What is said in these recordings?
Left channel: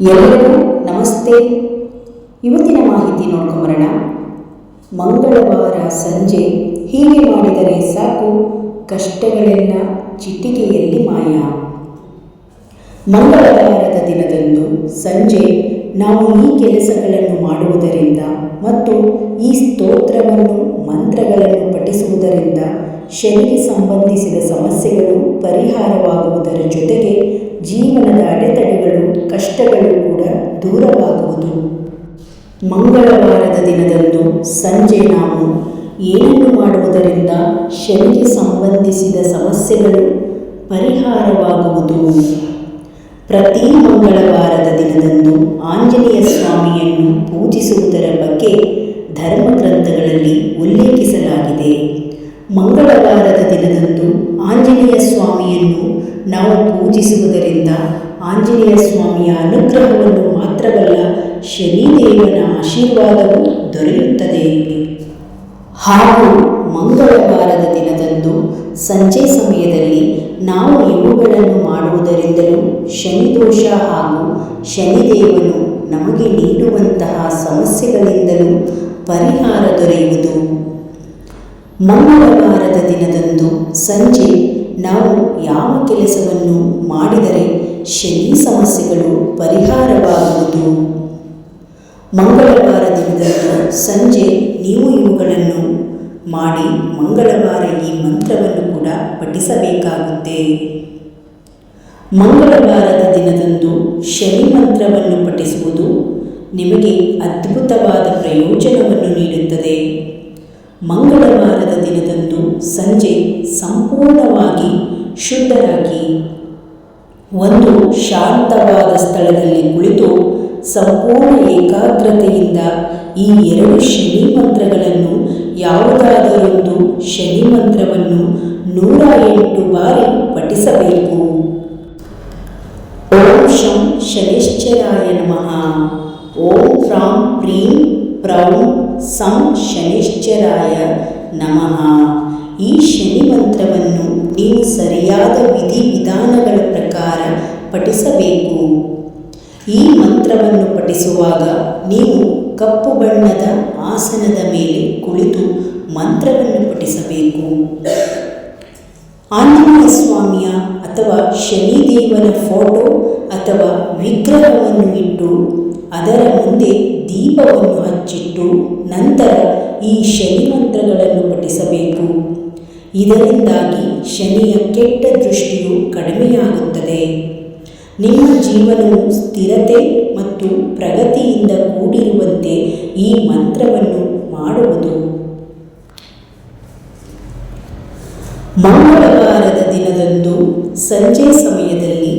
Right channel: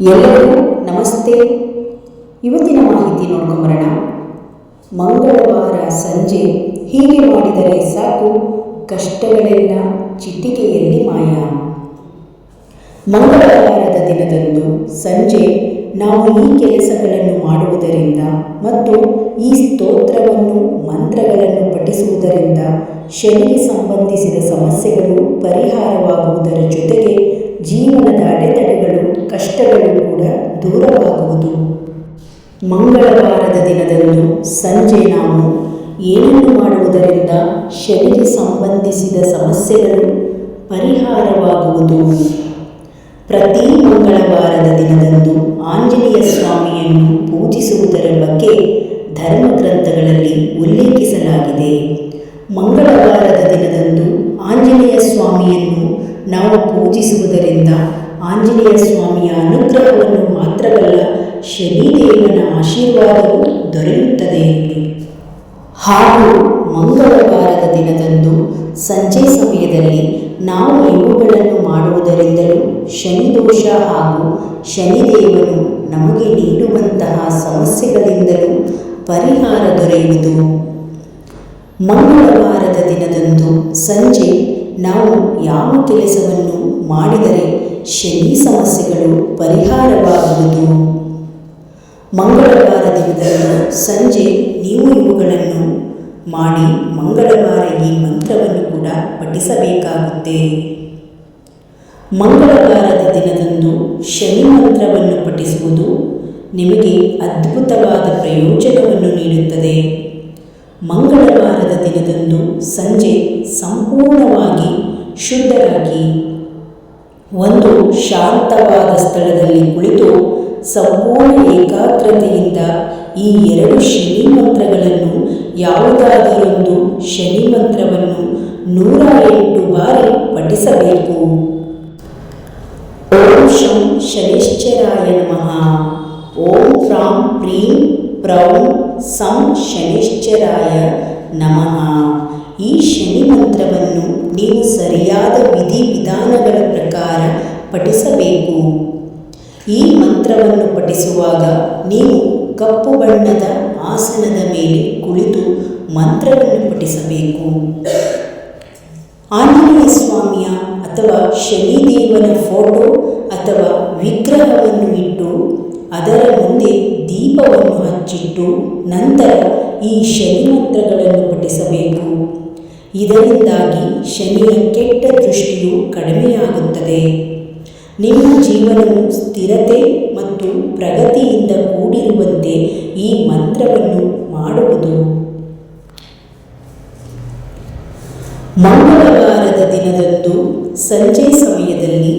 ಎಲ್ಲರಿಗೂ ನಮಸ್ತೆ. ಇವತ್ತಿನ ಮಾಹಿತಿ ನೋಡ್ಕೊಂಬರೋಣ. ಮಂಗಳವಾರ ಸಂಜೆ ಹೀಗೆ ಮಾಡಿದರೆ ಸಾಕು, ಕಷ್ಟಗಳೆಲ್ಲ ಚಿಟಿಕೆಯಲ್ಲಿ ಮಾಯ. ಮಂಗಳವಾರದ ದಿನದಂದು ಸಂಜೆ ನಾವು ಈ ಕೆಲಸಗಳನ್ನು ಮಾಡುವುದರಿಂದ ಮತ್ತು ಈ ಸ್ತೋತ್ರವನ್ನು, ಮಂತ್ರಗಳನ್ನು ಪಠಿಸುವುದರಿಂದ ಶನಿಗೆ ಸಂಬಂಧಿಸಿದ ಸಮಸ್ಯೆಗಳು, ಪರಿಹಾರವಾಗುವುದರ ಜೊತೆಗೆ ಜೀವನದ ಅಡೆತಡೆಗಳು, ಕಷ್ಟಗಳು ಕೂಡ ದೂರವಾಗುವುದು. ಮಂಗಳವಾರದ ದಿನದಂದು ಸಂಜೆ ನಾವು ಏನನ್ನು ಮಾಡುವುದರಿಂದ ಶನಿಗೆ ಸಂಬಂಧಿಸಿದ ಸಮಸ್ಯೆಗಳು, ಪರಿಹಾರವಾಗುವುದು. ಪ್ರತಿ ಮಂಗಳವಾರದ ದಿನದಂದು ಆಂಜನೇಯ ಸ್ವಾಮಿಯನ್ನು ಪೂಜಿಸುವುದರ ಬಗ್ಗೆ ಧರ್ಮಗ್ರಂಥಗಳಲ್ಲಿ ಉಲ್ಲೇಖಿಸಲಾಗಿದೆ. ಮಂಗಳವಾರದ ದಿನದಂದು ಆಂಜನೇಯ ಸ್ವಾಮಿಯನ್ನು ನಾವು ಪೂಜಿಸುವುದರಿಂದ ಆಂಜನೇಯ ಸ್ವಾಮಿಯ ಅನುಗ್ರಹವನ್ನು ಮಾತ್ರವಲ್ಲ ಶನಿದೇವನ ಆಶೀರ್ವಾದವೂ ದೊರೆಯುತ್ತದೆ. ಹಾಗೂ ಮಂಗಳವಾರದ ದಿನದಂದು ಸಂಜೆ ಸಮಯದಲ್ಲಿ ನಾವು ಇವುಗಳನ್ನು ಮಾಡುವುದರಿಂದಲೂ ಶನಿದೋಷ ಹಾಗೂ ಶನಿದೇವನು ನಮಗೆ ನೀಡುವಂತಹ ಸಮಸ್ಯೆಗಳಿಂದಲೂ ಪರಿಹಾರ ದೊರೆಯುವುದು. ಮಂಗಳವಾರದ ದಿನದಂದು ಸಂಜೆ ನಾವು ಯಾವ ಕೆಲಸವನ್ನು ಮಾಡಿದರೆ ಶನಿ ಸಮಸ್ಯೆಗಳು ಪರಿಹಾರವಾಗುವುದು? ಮಂಗಳವಾರ ದಿನದಂದು ಸಂಜೆ ನೀವು ಇವುಗಳನ್ನು ಮಾಡಿ ಮಂಗಳವಾರ ಈ ಮಂತ್ರವನ್ನು ಕೂಡ ಪಠಿಸಬೇಕಾಗುತ್ತೆ. ಮಂಗಳವಾರದ ದಿನದಂದು ಶನಿ ಮಂತ್ರವನ್ನು ಪಠಿಸುವುದು ನಿಮಗೆ ಅದ್ಭುತವಾದ ಪ್ರಯೋಜನವನ್ನು ನೀಡುತ್ತದೆ. ಮಂಗಳವಾರದ ದಿನದಂದು ಸಂಜೆ ಸಂಪೂರ್ಣವಾಗಿ ಶುದ್ಧರಾಗಿ ಒಂದು ಶಾಂತವಾದ ಸ್ಥಳದಲ್ಲಿ ಕುಳಿತು ಸಂಪೂರ್ಣ ಏಕಾಗ್ರತೆಯಿಂದ ಈ ಎರಡು ಶನಿ ಮಂತ್ರಗಳನ್ನು, ಯಾವುದಾದರೊಂದು ಶನಿ ಮಂತ್ರವನ್ನು ನೂರ ಎಂಟು ಬಾರಿ ಪಠಿಸಬೇಕು. ಓಂ ಶಂ ಶನಿಶ್ಚರಾಯ ನಮಃ. ಓಂ ಫ್ರಾಂ ಪ್ರೀಂ ಪ್ರೌಂ ಸಂ ಶನಿಶ್ಚರಾಯ. ನಮಃ. ಈ ಶನಿ ಮಂತ್ರವನ್ನು ನೀವು ಸರಿಯಾದ ವಿಧಿವಿಧಾನಗಳ ಪ್ರಕಾರ ಪಠಿಸಬೇಕು. ಈ ಮಂತ್ರವನ್ನು ಪಠಿಸುವಾಗ ನೀವು ಕಪ್ಪು ಬಣ್ಣದ ಆಸನದ ಮೇಲೆ ಕುಳಿತು ಮಂತ್ರವನ್ನು ಪಠಿಸಬೇಕು. ಆಂಜನೇಯ ಸ್ವಾಮಿಯ ಅಥವಾ ಶನಿದೇವನ ಫೋಟೋ ಅಥವಾ ವಿಗ್ರಹವನ್ನು ಇಟ್ಟು ಅದರ ಮುಂದೆ ದೀಪವನ್ನು ಹಚ್ಚಿಟ್ಟು ನಂತರ ಈ ಶನಿ ಮಂತ್ರಗಳನ್ನು ಪಠಿಸಬೇಕು. ಇದರಿಂದಾಗಿ ಶನಿಯ ಕೆಟ್ಟ ದೃಷ್ಟಿಯು ಕಡಿಮೆಯಾಗುತ್ತದೆ. ನಿಮ್ಮ ಜೀವನವು ಸ್ಥಿರತೆ ಮತ್ತು ಪ್ರಗತಿಯಿಂದ ಕೂಡಿರುವಂತೆ ಈ ಮಂತ್ರವನ್ನು ಮಾಡುವುದು. ಮಂಗಳವಾರದ ದಿನದಂದು ಸಂಜೆ ಸಮಯದಲ್ಲಿ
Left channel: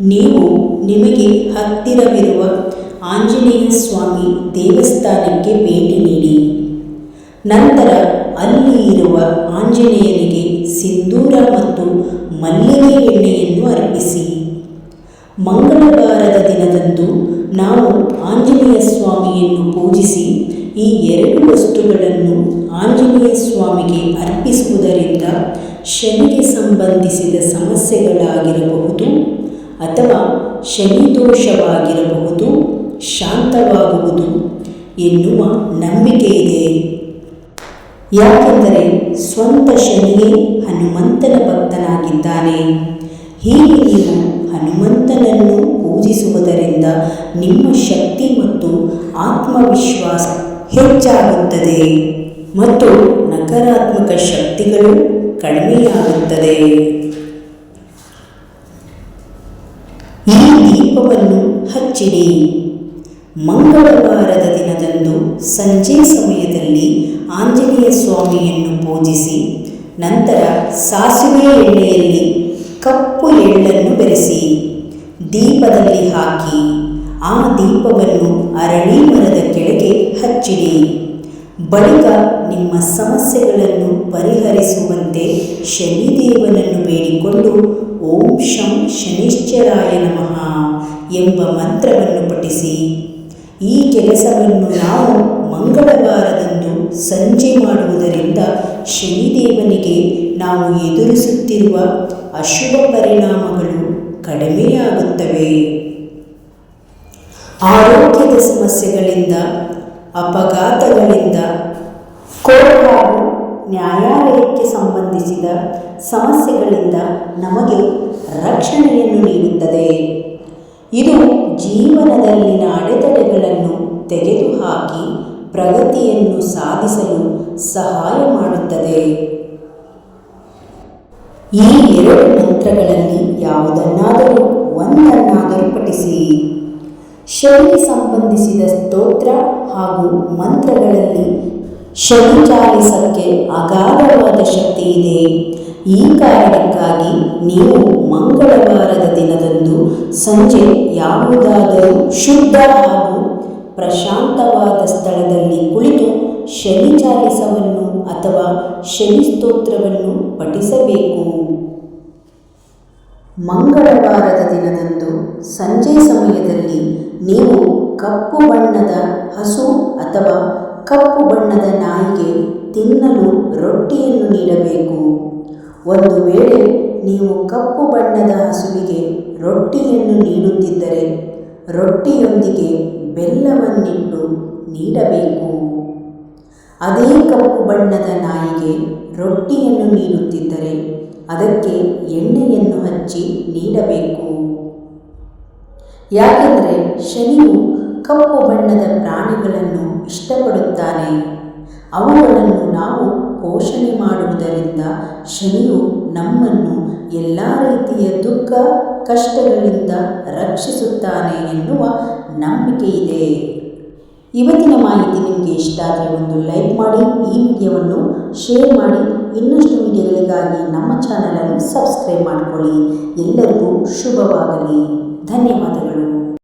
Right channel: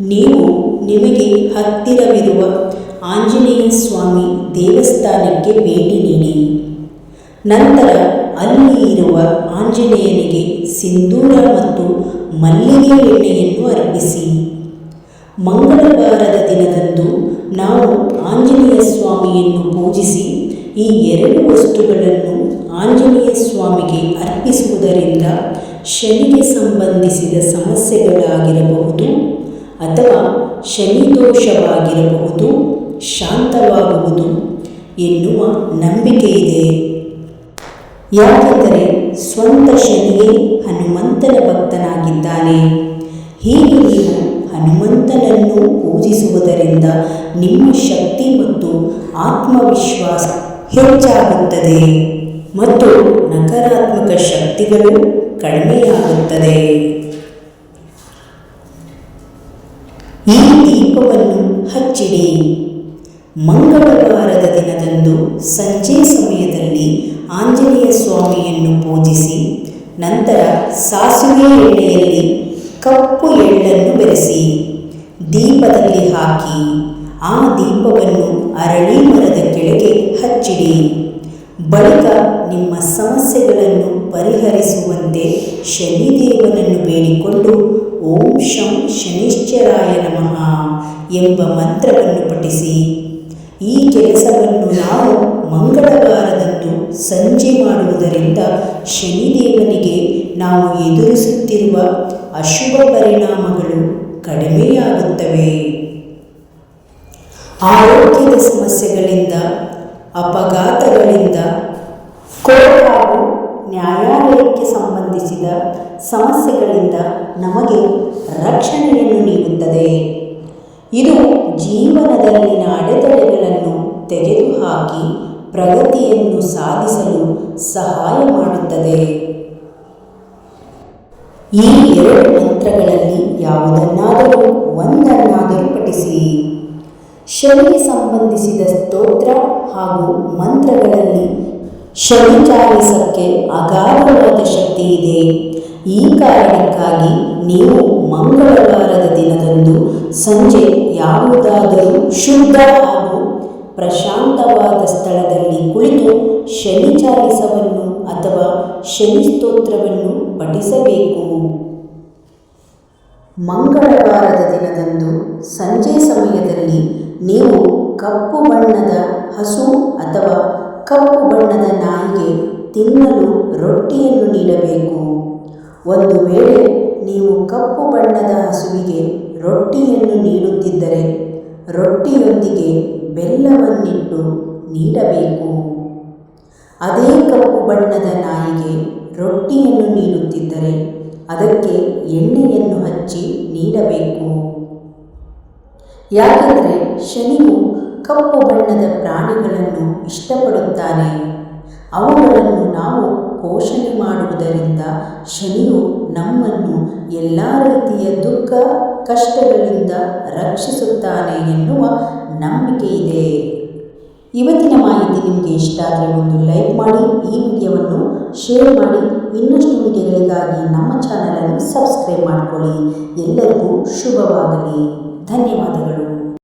ನೀವು ನಿಮಗೆ ಹತ್ತಿರವಿರುವ ಆಂಜನೇಯ ಸ್ವಾಮಿ ದೇವಸ್ಥಾನಕ್ಕೆ ಭೇಟಿ ನೀಡಿ. ನಂತರ ಅಲ್ಲಿ ಇರುವ ಆಂಜನೇಯನಿಗೆ ಸಿಂಧೂರ ಮತ್ತು ಮಲ್ಲಿಗೆ ಎಣ್ಣೆಯನ್ನು ಅರ್ಪಿಸಿ. ಮಂಗಳವಾರದ ದಿನದಂದು ನಾವು ಆಂಜನೇಯ ಸ್ವಾಮಿಯನ್ನು ಪೂಜಿಸಿ ಈ ಎರಡು ವಸ್ತುಗಳನ್ನು ಆಂಜನೇಯ ಸ್ವಾಮಿಗೆ ಅರ್ಪಿಸುವುದರಿಂದ ಶನಿಗೆ ಸಂಬಂಧಿಸಿದ ಸಮಸ್ಯೆಗಳಾಗಿರಬಹುದು ಅಥವಾ ಶನಿದೋಷವಾಗಿರಬಹುದು, ಶಾಂತವಾಗುವುದು ಎನ್ನುವ ನಂಬಿಕೆ ಇದೆ. ಯಾಕೆಂದರೆ ಸ್ವಂತ ಶನಿಯೇ ಹನುಮಂತನ ಭಕ್ತನಾಗಿದ್ದಾನೆ. ಹೀಗೆ ನೀವು ಹನುಮಂತನನ್ನು ಪೂಜಿಸುವುದರಿಂದ ನಿಮ್ಮ ಶಕ್ತಿ ಮತ್ತು ಆತ್ಮವಿಶ್ವಾಸ ಹೆಚ್ಚಾಗುತ್ತದೆ ಮತ್ತು ನಕಾರಾತ್ಮಕ ಶಕ್ತಿಗಳು ಕಡಿಮೆಯಾಗುತ್ತದೆ. ಈ ದೀಪವನ್ನು ಹಚ್ಚಿಡಿ. ಮಂಗಳವಾರದ ದಿನದಂದು ಸಂಜೆ ಸಮಯದಲ್ಲಿ ಆಂಜನೇಯ ಸ್ವಾಮಿಯನ್ನು ಪೂಜಿಸಿ, ನಂತರ ಸಾಸಿವೆ ಎಣ್ಣೆಯಲ್ಲಿ ಕಪ್ಪು ಎಳ್ಳನ್ನು ಬೆರೆಸಿ, ದೀಪದಲ್ಲಿ ಹಾಕಿ, ಆ ದೀಪವನ್ನು ಅರಳಿ ಮರದ ಕೆಳಗೆ ಹಚ್ಚಿಡಿ. ಬಳಿಕ ನಿಮ್ಮ ಸಮಸ್ಯೆಗಳನ್ನು ಪರಿಹರಿಸುವಂತೆ ಶನಿದೇವನನ್ನು ಬೇಡಿಕೊಂಡು ಓಂ ಶಂ ಶನಿಶ್ಚರಾಯ ನಮಃ ಎಂಬ ಮಂತ್ರವನ್ನು ಪಠಿಸಿ. ಈ ಕೆಲಸವನ್ನು ನಾವು ಮಂಗಳವಾರದಂದು ಸಂಜೆ ಮಾಡುವುದರಿಂದ ಶನಿದೇವನಿಗೆ ನಾವು ಎದುರಿಸುತ್ತಿರುವ ಅಶುಭ ಪರಿಣಾಮಗಳು ಕಡಿಮೆಯಾಗುತ್ತವೆ. ಆರೋಗ್ಯದ ಸಮಸ್ಯೆಗಳಿಂದ, ಅಪಘಾತಗಳಿಂದ, ಕೋರ್ಟ್ ಹಾಗೂ ನ್ಯಾಯಾಲಯಕ್ಕೆ ಸಂಬಂಧಿಸಿದ ಸಮಸ್ಯೆಗಳಿಂದ ನಮಗೆ ರಕ್ಷಣೆಯನ್ನು ನೀಡುತ್ತದೆ. ಇದು ಜೀವನದಲ್ಲಿನ ಅಡೆತಡೆಗಳನ್ನು ತೆಗೆದುಹಾಕಿ ಪ್ರಗತಿಯನ್ನು ಸಾಧಿಸಲು ಸಹಾಯ ಮಾಡುತ್ತದೆ. ಈ ಎರಡು ಮಂತ್ರಗಳಲ್ಲಿ ಯಾವುದನ್ನಾದರೂ ಒಂದನ್ನಾದರೂ ಪಠಿಸಿ. ಶನಿಗೆ ಸಂಬಂಧಿಸಿದ ಸ್ತೋತ್ರ ಹಾಗೂ ಮಂತ್ರಗಳಲ್ಲಿ ಶನಿ ಚಾಲಿಸಕ್ಕೆ ಅಗಾಧವಾದ ಶಕ್ತಿ ಇದೆ. ಈ ಕಾರಣಕ್ಕಾಗಿ ನೀವು ಮಂಗಳವಾರದ ದಿನದಂದು ಸಂಜೆ ಯಾವುದಾದರೂ ಶುದ್ಧ ಹಾಗೂ ಪ್ರಶಾಂತವಾದ ಸ್ಥಳದಲ್ಲಿ ಕುಳಿತು ಶನಿ ಚಾಲಿಸವನ್ನು ಅಥವಾ ಶನಿ ಸ್ತೋತ್ರವನ್ನು ಪಠಿಸಬೇಕು. ಮಂಗಳವಾರದ ದಿನದಂದು ಸಂಜೆ ಸಮಯದಲ್ಲಿ ನೀವು ಕಪ್ಪು ಬಣ್ಣದ ಹಸು ಅಥವಾ ಕಪ್ಪು ಬಣ್ಣದ ನಾಯಿಗೆ ತಿನ್ನಲು ರೊಟ್ಟಿಯನ್ನು ನೀಡಬೇಕು. ಒಂದು ವೇಳೆ ನೀವು ಕಪ್ಪು ಬಣ್ಣದ ಹಸುವಿಗೆ ರೊಟ್ಟಿಯನ್ನು ನೀಡುತ್ತಿದ್ದರೆ ರೊಟ್ಟಿಯೊಂದಿಗೆ ಬೆಲ್ಲವನ್ನಿಟ್ಟು ನೀಡಬೇಕು. ಅದೇ ಕಪ್ಪು ಬಣ್ಣದ ನಾಯಿಗೆ ರೊಟ್ಟಿಯನ್ನು ನೀಡುತ್ತಿದ್ದರೆ ಅದಕ್ಕೆ ಎಣ್ಣೆಯನ್ನು ಹಚ್ಚಿ ನೀಡಬೇಕು. ಯಾಕೆಂದರೆ ಶನಿಯು ಕಪ್ಪು ಬಣ್ಣದ ಪ್ರಾಣಿಗಳನ್ನು ಇಷ್ಟಪಡುತ್ತಾನೆ. ಅವುಗಳನ್ನು ನಾವು ಪೋಷಣೆ ಮಾಡುವುದರಿಂದ ಶನಿಯು ನಮ್ಮನ್ನು ಎಲ್ಲ ರೀತಿಯ ದುಃಖ ಕಷ್ಟಗಳಿಂದ ರಕ್ಷಿಸುತ್ತಾನೆ ಎನ್ನುವ ನಂಬಿಕೆ ಇದೆ ಇವತ್ತಿನ ಮಾಹಿತಿ ನಿಮಗೆ ಇಷ್ಟ ಆದರೆ ಒಂದು ಲೈಕ್ ಮಾಡಿ, ಈ ವಿಡಿಯೋವನ್ನು ಶೇರ್ ಮಾಡಿ, ಇನ್ನಷ್ಟು ವಿಡಿಯೋಗಳಿಗಾಗಿ ನಮ್ಮ ಚಾನಲನ್ನು ಸಬ್ಸ್ಕ್ರೈಬ್ ಮಾಡಿಕೊಳ್ಳಿ. ಎಲ್ಲರಿಗೂ ಶುಭವಾಗಲಿ. ಧನ್ಯವಾದಗಳು.